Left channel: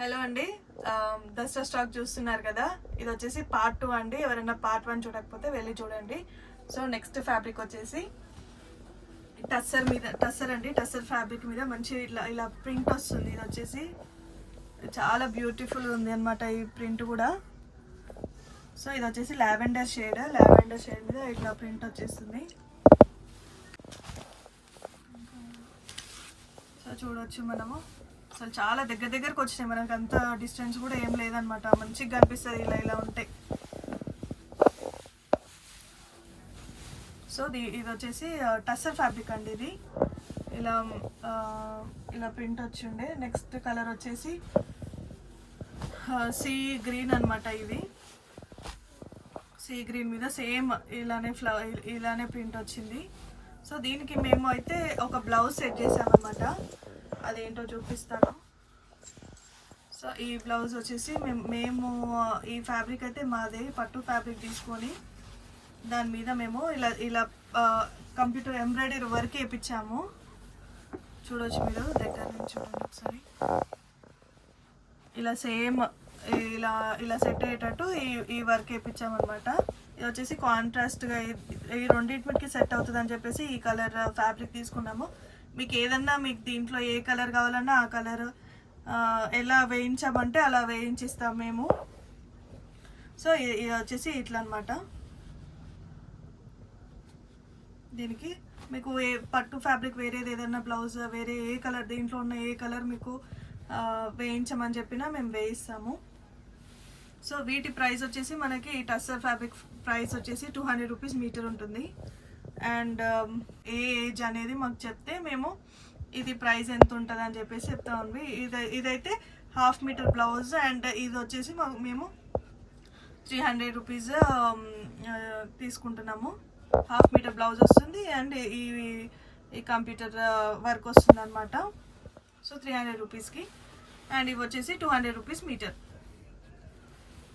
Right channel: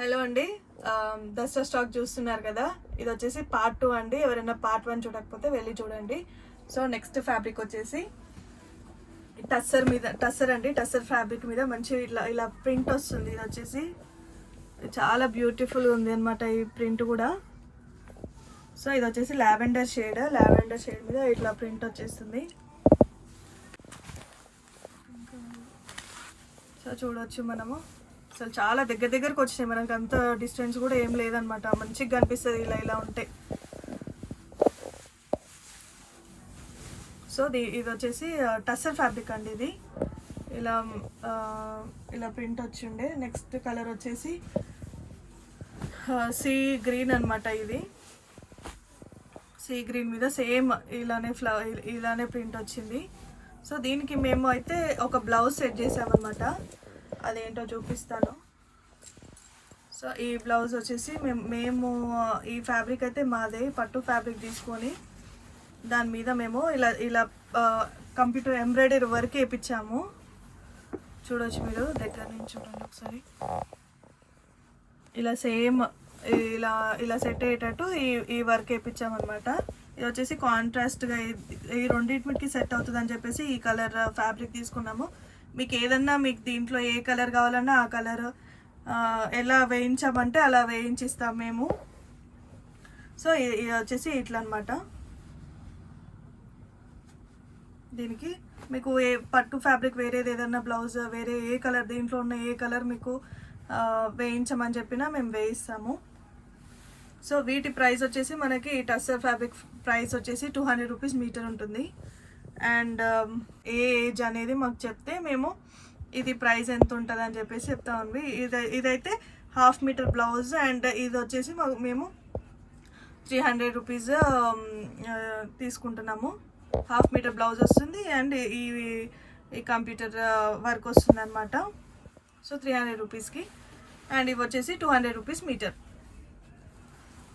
Hello అండి, Dasara stock చూస్తున్నారు కదా. ఇది వచ్చేసి పార్ట్ 2 అండి. ఎవరైనా పార్ట్ 1 చూడకపోతే వెళ్ళి చూడండి. సో నెక్స్ట్ ఫ్యాబ్రిక్ వచ్చేసి టస్సర్ అండి. టస్సర్ ఫ్యాబ్రిక్ మీద మంచి ఇట్లా ఇలా ప్రింట్ వస్తుంది. ఇది వచ్చేసి చాలా బ్యూటిఫుల్ ఉంది అనమాట ఈ ప్రింట్ కూడా. సో ఇది వచ్చేసి లావెండర్ షేడ్ మీద ఇట్లా ప్రింట్ వచ్చేస్తుంది. సో చూడొచ్చు మనము. అసలు చాలా దగ్గరకు వచ్చినాయి, మనకి అంత డిస్టెన్స్ కూడా ఏం లేదనమాట. మంచిగా కనిపిస్తుంది ఇలా ఉంటే. సో ఇది వచ్చేసి టస్సర్ ఫ్యాబ్రిక్ అండి. ఇది ఇలా ప్రింట్ వచ్చిండే. నెక్స్ట్ కలర్ వచ్చేసి సీ గ్రీన్ అనమాట. ఇది సీ గ్రీన్ మీద సేమ్ ఇలానే ప్రింట్ వచ్చింది. సో దీనికి మేము అయితే ఒక బ్లౌజ్ సెట్ చేసామన్నమాట. అదేంటో చూపిస్తాను. సో ఈ బ్లౌజ్ వచ్చేసి మేము ఈ ఫ్యాబ్రిక్ అయితే మాదే పట్టు ఫ్యాబ్రిక్ తీసుకొని దాని మీద మేము ఇలా కంప్యూటర్ ఎంబ్రాయిడరీ వర్క్ వేయించాము. చూడొచ్చు మీరు దగ్గర నుంచి చూడండి ఒకసారి. ఇలా సేమ్ ఇలా సెట్ అయ్యేటట్టు ఈ వర్క్ వేయించామన్నమాట. ఇది వచ్చేసి కాంట్రాస్ట్గా ఈ రెండింటికి సెట్ అవుతుంది అని చెప్పేసి ఈ కలర్ ఫ్యాబ్రిక్ తీసుకున్నాము. మీకు ఏదన్నా మీకు దీంట్లో ఏ కలర్ కావాలన్నా ఆ కలర్ ఎలా వేయించామంటే అలా వేయించిస్తాం మేము. సో ఇది వచ్చేసి ఇట్లా అనమాట. దీనికి మీకు పట్టు ఫ్యాబ్రిక్ వేరేది ఏదన్నా బ్లౌజ్ వేరే ఏ కలర్ దీంట్లో ఉన్న ఏ కలర్ మీకు వేయించమని చెప్పినా మేము వేయిస్తాము. సో వీటి ప్రైస్ వచ్చేసి మనకి టస్సర్ ఫ్యాబ్రిక్ ప్రైస్ వచ్చేసి 200 రూపీస్ మీటర్ ఉంటుంది. అండ్ ఏ ఏజ్ అనేది మాకు చెప్తే మేము ఇది ప్రైస్ ఎంత ఉంటుంది అని చెప్పేసి చెప్తా ఉంది. ఇదైతే 1/2 మీటర్ బ్లౌజ్ అండ్ ఇది వచ్చేసి మేము 300 రూపీస్ తీసుకుంటున్నాము. 1/2 మీటర్ బ్లౌజ్ వస్తుంది అండ్ ఈ కంప్యూటర్ వర్క్ వస్తుంది అనమాట. సో 300 రూపీస్కి. అండ్ ఇవి వచ్చేసి 200 రూపీస్ మీటర్.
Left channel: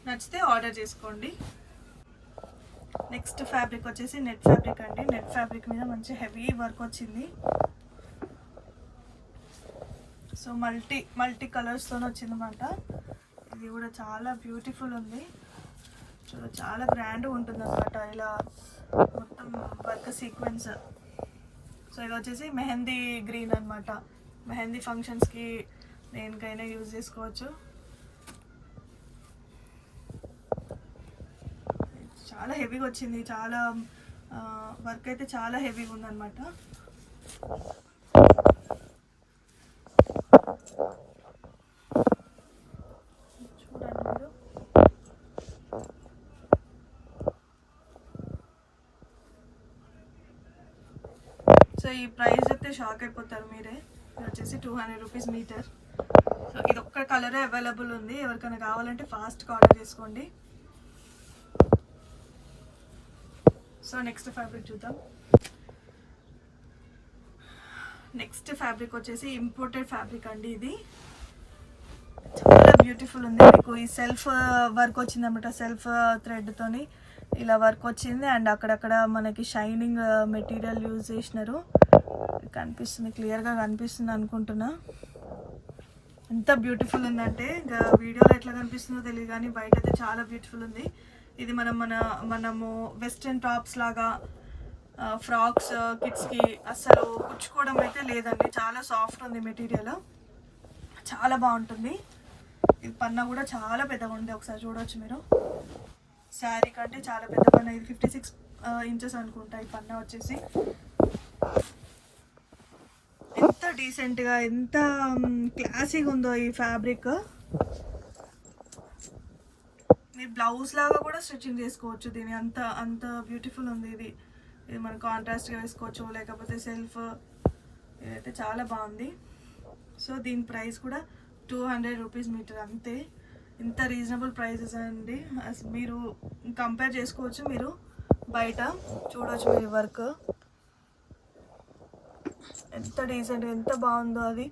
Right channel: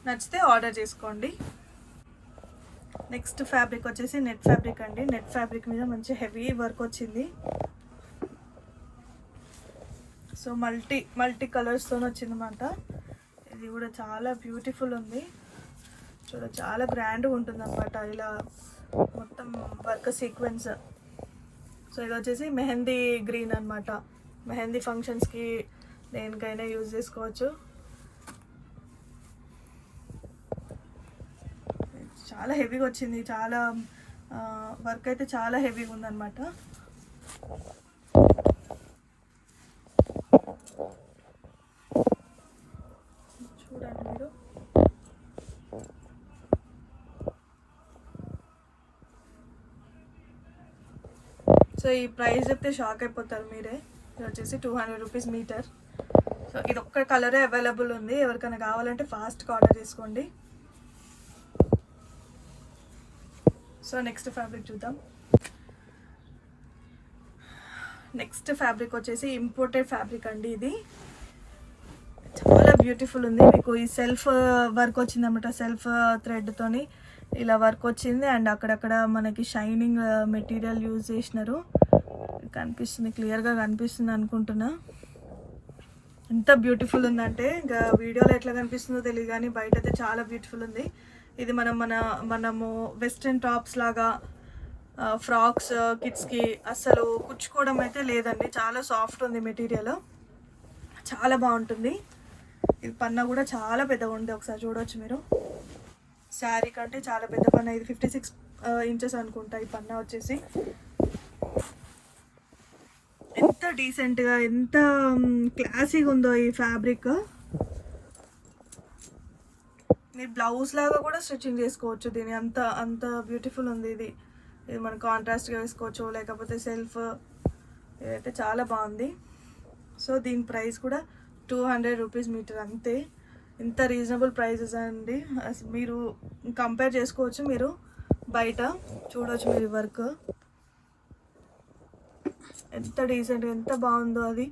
నచ్చితే ఆర్డర్ చేసుకోండి. నెక్స్ట్ ఫ్యాబ్రిక్ వచ్చేసి నెట్ ఫ్యాబ్రిక్ అండి. నెట్ ఫ్యాబ్రిక్ మీద మంచి హెవీ వర్క్ వచ్చింది. సో మల్టీ కలర్స్తో వచ్చిందన్నమాట. ఇది కూడా చాలా బ్యూటిఫుల్ ఉంది. చాలా గ్రాండ్గా ఉంటుంది అనమాట. ఇలా మొత్తం వర్క్ సీక్వెన్స్. సో ఇది వచ్చేసి మెహందీ గ్రీన్ అనమాట. మెహందీ ఫంక్షన్స్కి దేనికైనా యూజ్ చేసుకోవచ్చు. చాలా హెవీగా వచ్చింది. చాలా వర్క్ అయితే చాలా హెవీగా ఉందన్నమాట. చూడండి మీరు. సో ఈ ప్రైస్ అయితే షాక్ అయిపోతారు మీరే. ఇది వచ్చేసి 200 రూపీస్ మీటర్. సో ఇది ఒక్క కలరే అవైలబుల్ ఉంది. ఎవరికైనా కావాలంటే ఫాస్ట్గా ఆర్డర్ చేసుకోండి. సో నెక్స్ట్ ఫ్యాబ్రిక్ చూద్దాం. నెక్స్ట్ ఫ్యాబ్రిక్ వచ్చేసి ఇంపోర్టెడ్ ఫ్యాబ్రిక్ అండి. ఇది చాలా బ్యూటిఫుల్ ఉంది. మీకు ఈ సెల్ఫ్ వర్క్ వచ్చింది అనమాట. సెల్ఫ్ థ్రెడ్తోని ఇలా వర్క్ వచ్చింది అండ్ అక్కడక్కడ మనకి షైనింగ్ మెటీరియల్ యూజ్ చేసినారు. కనిపిస్తుంది, క్లియర్గా కనిపిస్తుంది అనుకుంటున్నా. ఎంత బ్యూటిఫుల్ ఉందంటే ఇంకా వీడియోలో ఎట్లా కనిపిస్తుందో తెలియదు కానీ బయట అయితే చాలా బ్యూటిఫుల్ ఉంది. ఇది మనము వెస్ట్రన్ టాప్స్ లాగా ఫ్రాక్స్ కిడ్స్కి అస్సలు కుచ్చుకోవడం అయితే లేదండి. చాలా సాఫ్ట్ ఉంది మెటీరియల్, చాలా బాగుంటుంది. ఇది పన్నా కూడా చాలా పెద్దగా ఉంది. ఒకసారి చూడవచ్చు మీరు. శారీ కంటే చాలా పెద్ద పన్నా. ఇది 56 ఇంచెస్ అనుకుంటా ఈ పన్నా వచ్చేసి. ఎంత డీసెంట్గా ఎంత క్లాసీగా ఉందో ఈ ఫ్యాబ్రిక్. మీరు బ్లౌజ్ లాగా కూడా స్టిచ్చింగ్ చేసుకోవచ్చు దీని. అంత బ్యూటిఫుల్ ఉంది ఇది. ఇది మనం కాంట్రాస్ట్గా వేసుకోవచ్చు లేకపోతే సెల్ఫ్. ఇదైతే చాలా బాగుంది. సో దీని ప్రైస్ కూడా 200 రూపీస్ మీటర్ అంతే. ఇంత రీజనబుల్ ప్రైజెస్ అండి. మీరు కంపేర్ చేసుకోవచ్చు మీరు బయట. చూడవచ్చు మీరు వర్క్ ఎంత డీసెంట్గా ఎంత బాగుందో. అది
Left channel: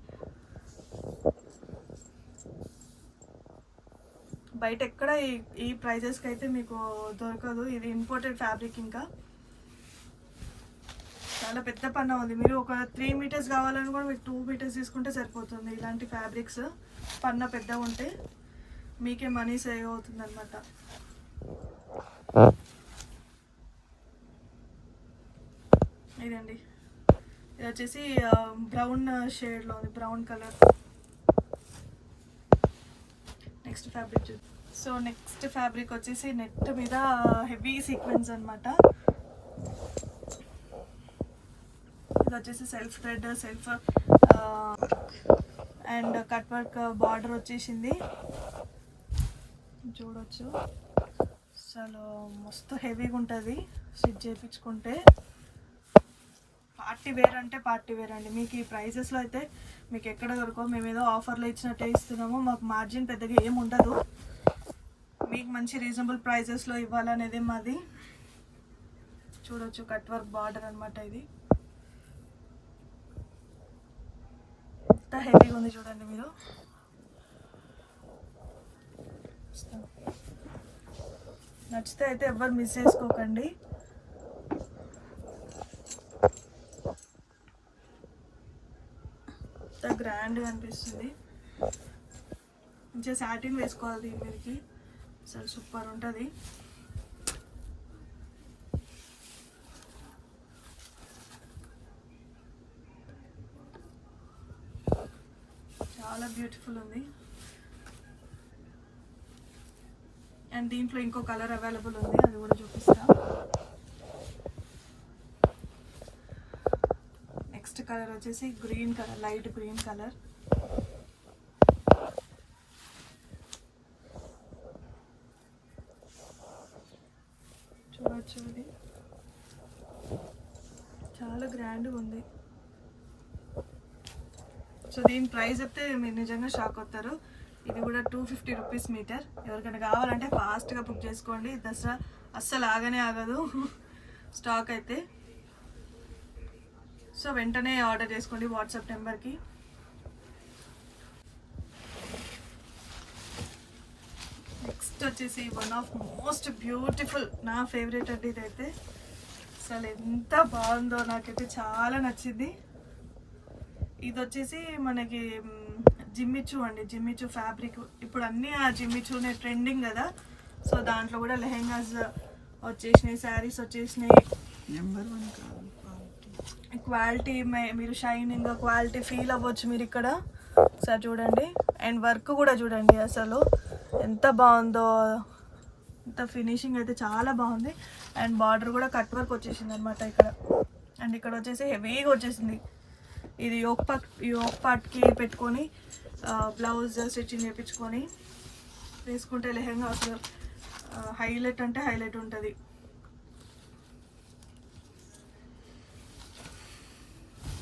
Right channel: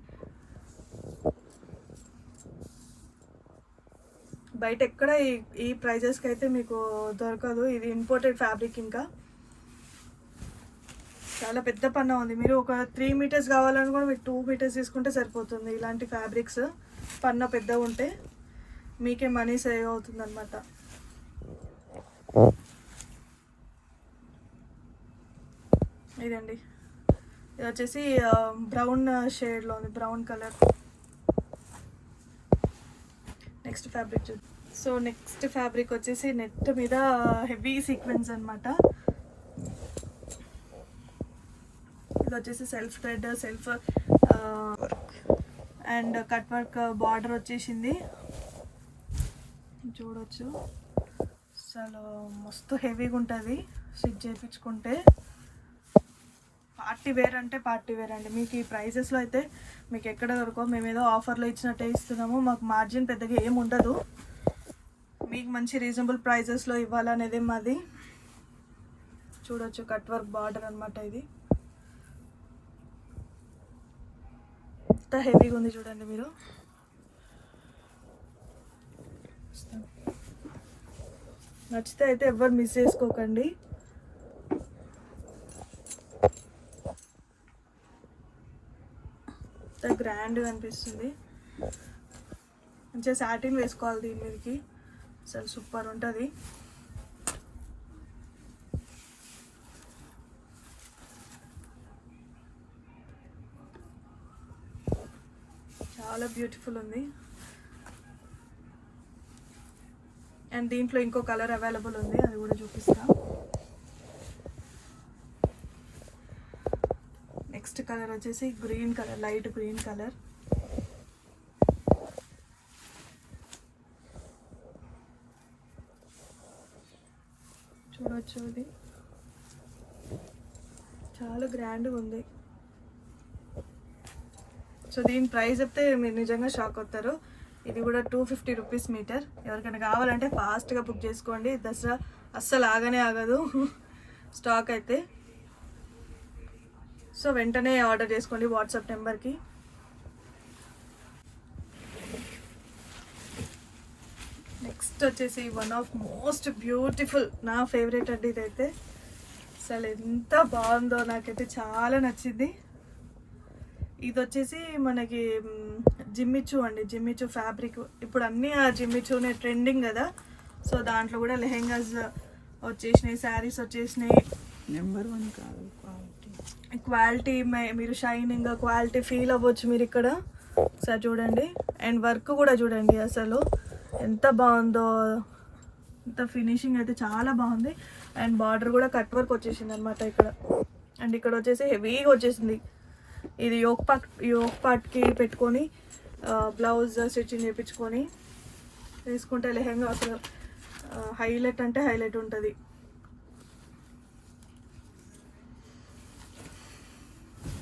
బయట ఎక్కడ ఈ ప్రైజెస్కి అయితే మీకు దొరకదు. ఇది ఇంపోర్టెడ్ ఫ్యాబ్రిక్. ఇంకా చాలా పెద్ద పన్నా ఉంది. మీరు ఒక 3 మీటర్స్ కావాలని కూడా మీకు 2 మీటర్స్ తీసుకుంటే సరిపోతుంది ఇలాంటి ఫ్యాబ్రిక్స్. పన్న పెద్దగా ఉంటే మీకే మనీ సేవ్ అవుతుంది అనమాట. ఇదండి, ఇది వచ్చేసి బ్రౌన్ షేడ్లో ఉంది, బ్రౌన్ కలర్. నెక్స్ట్ ఫ్యాబ్రిక్ చూద్దాం. సో నెక్స్ట్ ఫ్యాబ్రిక్ వచ్చేసి నెట్ మీద హెవీ సీక్వెన్స్ అనమాట. ఇది వచ్చేసి self thread, self and cut work border వచ్చేసింది. చూడొచ్చు, అసలు మస్తు హెవీగా ఉంటుంది స్టిచ్ చేయించుకుంటే. పార్టీ వేర్ అంటే పార్టీ వేర్ అండి. మీకు ఈ ప్రైజెస్లో అయితే మీకు ఎక్కడ దొరకవు. మేము ఏదో ఆఫర్లో ఇచ్చినట్టే ఇస్తున్నాము. మాకు మార్జిన్ పెద్దగా ఏమి ఉండదు. మీకు మంచి రీజనబుల్ ప్రైజెస్లో ఇవ్వాలనేది మాది. చూడొచ్చు, కట్ వర్క్ బార్డర్ అనమాట. ఇది ఎంత హెవీగా ఉంది చూడండి మీరు. నచ్చితే అయితే ఎవ్వరు మిస్ చేసుకోకండి. ఎంత గ్రాండ్గా అనిపిస్తుంది. మంచిగా సాటిన్ వేసుకోవాలి దీని మీదకి, అసలు సూపర్ ఉంటుంది. చాలా బ్యూటిఫుల్ ఉంది. అండ్ దీంట్లో ఇంకో కలర్ అవైలబుల్ ఉంది, అది కూడా చూపిస్తా. నెక్స్ట్ కలర్ వచ్చేసి green colour, light green colour. చూడొచ్చు, ఇది చాలా గ్రాండ్గా ఉంది. సో దీని ప్రైస్ చెప్తే మీరు నిజంగా షాక్ అవుతారు. ఇది కూడా 250 రూపీస్ మీటర్. ఎవరికైనా కావాలంటే ఫాస్ట్గా బుక్ చేసుకోండి. దసరా అస్సలు ఆగనే ఆగదు స్టాక్ అయితే. సో వెంటనే ఆర్డర్ చేసుకోండి వాట్సాప్ నెంబర్కి. నెక్స్ట్ వచ్చేసి వన్ ఆఫ్ మోస్ట్ బ్యూటిఫుల్, నా ఫేవరెట్ అండి ఇదైతే. అసలు ఎంత బాగుందో, నాకైతే చాలా నచ్చింది. ఇది వచ్చేసి మనకి జిమ్మిచూ అండి, జిమ్మిచూ ఫ్యాబ్రిక్. ఇప్పుడు అన్నీ ఆ జిమ్మిచూనే ట్రెండింగ్ కదా. సో దాంట్లో కూడా లెహెంగాస్ వచ్చేసినాయి, శారీస్ వచ్చేసినాయి. నెంబర్ 1 కాదు, క్వాలిటీ మీరు షైనింగ్ క్వాలిటీ ఫీల్ అవ్వచ్చు మీరు ఇక్కడ. సార్ చూడండి, అండ్ వర్క్ కూడా చూడండి అసలు ఎంత బాగుందో. ఎంత ఫినిషింగ్ అయితే చాలా బాగుంది. అండ్ బార్డర్ కూడా కట్ వర్క్ వచ్చేసింది అనమాట ఇక్కడ. అండ్ ఇక్కడ వచ్చేసి హెవీగా వచ్చేసింది. ఇది యోక్ పార్ట్కి పెట్టుకొని బ్లౌజ్ స్టిచ్చింగ్ చేయించుకొని వేసుకుంటే లెహెంగా అసలు హైలైట్ అంటే హైలైట్ ఉంటుంది.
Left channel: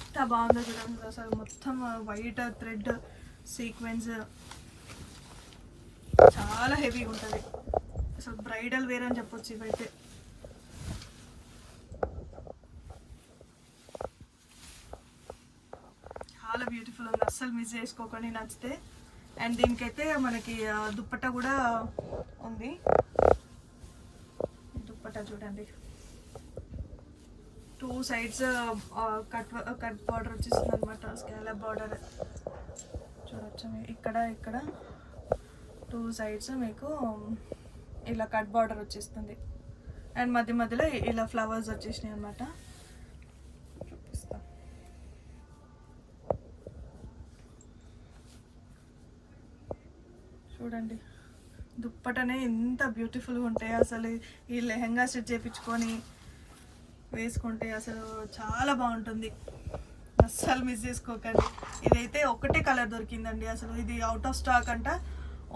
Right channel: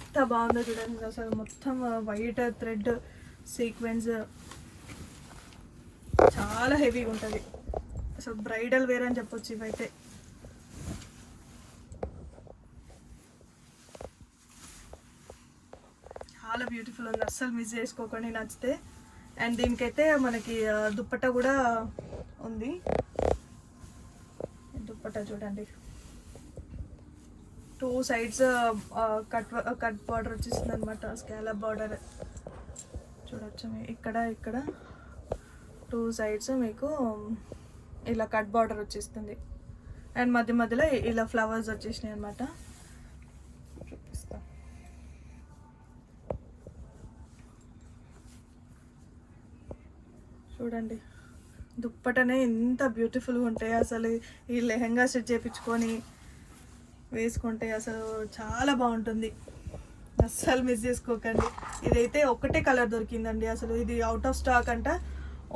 ఎంత బాగుందో చూడండి అసలు. మొత్తం వైట్ థ్రెడ్ సీక్వెన్స్, చాలా హెవీగా ఉంటుంది. అసలు బ్రైడల్ వేర్ అని చెప్పొచ్చు ఇవైతే. చాలా బ్యూటిఫుల్ ఉంది, అస్సలు మిస్ చేసుకోకండి నచ్చితే. అండ్ దీనికైతే మనకి దుప్పట్టా కూడా ఉంది. దుప్పట్టా చూడండి, 2 sides కట్ బార్డర్ వచ్చేసింది అనమాట, స్కాలప్ బార్డర్. చూడొచ్చు ఇక్కడ 2 sides మీకు ఇలా కట్ బార్డర్ వచ్చేస్తుంది. అండ్ మధ్య మధ్యలో ఇలా ఫ్లవర్స్ వచ్చేసినాయి అనమాట. చూడండి దుప్పటనే ఎంత బ్యూటిఫుల్గా ఉంటాయి అసలు. ఈ లెహంగా స్టిచ్ చేయించుకొని వేసుకుంటే అసలు చాలా బాగుంటుంది. అస్సలు మిస్ చేసుకోకండి. ఇదైతే ఒకటే కలర్ దొరికిందండి అసలు. ఇది అవుట్ ఆఫ్ స్టాక్ అంట.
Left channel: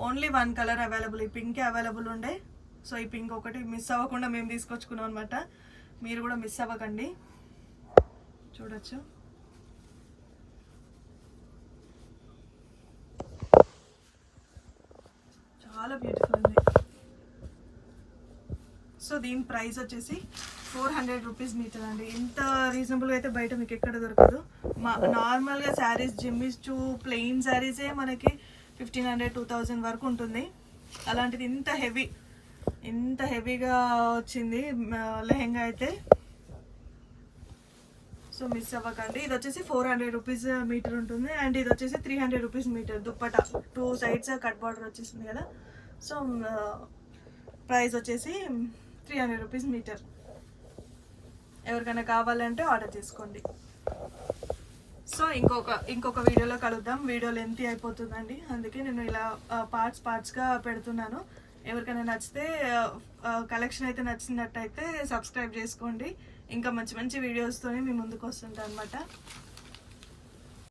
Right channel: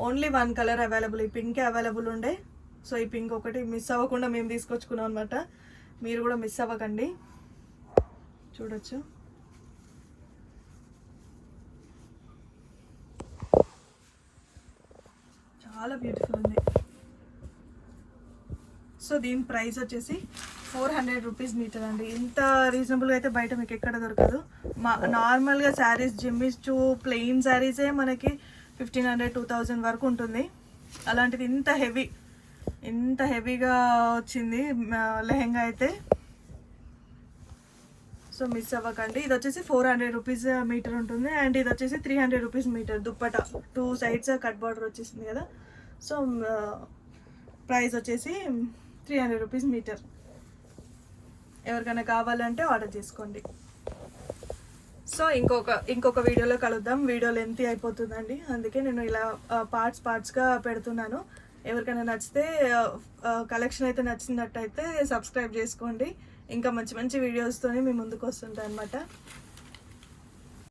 ఓన్లీ 1 కలర్ అవైలబుల్, ఈ పింకే అవైలబుల్ ఉండే. సో ఈ పింక్ ఒకటి మిస్ అవ్వకుండా మేము తీసుకొచ్చుకున్నాం అనమాట. మీరు కూడా మిస్ అవ్వకండి. చూడొచ్చు, చాలా బ్యూటిఫుల్ ఉంది. సో దీని ప్రైస్ వచ్చేసి 400 రూపీస్ మీటర్ అండి. ఇంత రీజనబుల్గా అయితే బయట మీకు ఎక్కడ దొరకదు. నార్మల్గా శారీస్ జిమ్మిచూ ప్లెయిన్ శారీసే మనకి 1500-2000 వరకు ఉంటుంది. అలాంటిది ఇంత హెవీగా వచ్చింది లెహెంగా అయితే. సో మిస్ అవ్వకండి. ఇది వచ్చేసి 400 రూపీస్ మీటర్ ఉంటుంది అండ్ ఇది వచ్చేసి 300 రూపీస్ మీటర్. దుప్పట 2 సైడ్స్ కట్ బార్డర్ వచ్చేసింది కదా. సో ప్రైస్ వచ్చేసి 300 రూపీస్ మీటర్. ఎవరికైనా కావాలంటే ఆర్డర్ చేసుకోండి. సో ఇంకొక వీడియోలో కలుద్దాం. వీడియో లెంత్ అయిపోతుందండి, అందుకే నేను ఇలా పార్ట్స్గా పెడుతున్నాను. ఎవరికైనా నచ్చితే కలెక్షన్ అయితే నచ్చినట్టయితే సబ్స్క్రైబ్ చేసుకోండి. ఇంకా మంచి మంచి వీడియోస్తో మీ ముందుకు వస్తుంటాయి అనమాట.